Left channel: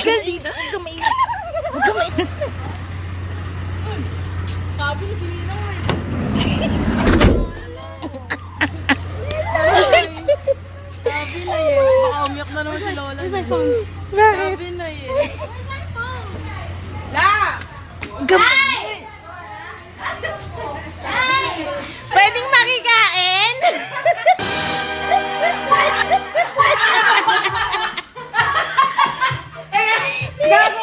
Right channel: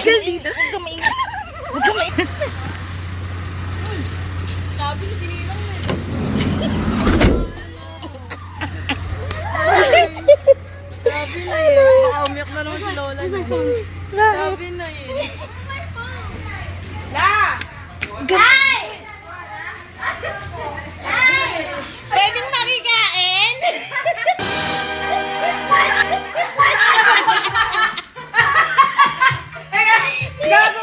Girl, Dina, huwag ka maingat. Huwag ka maingat. Sabi ni Selena. Sabi na yun. Makaumyak na Lola. Where's my phone? Sabi na eh. La! Gabay! Bravo!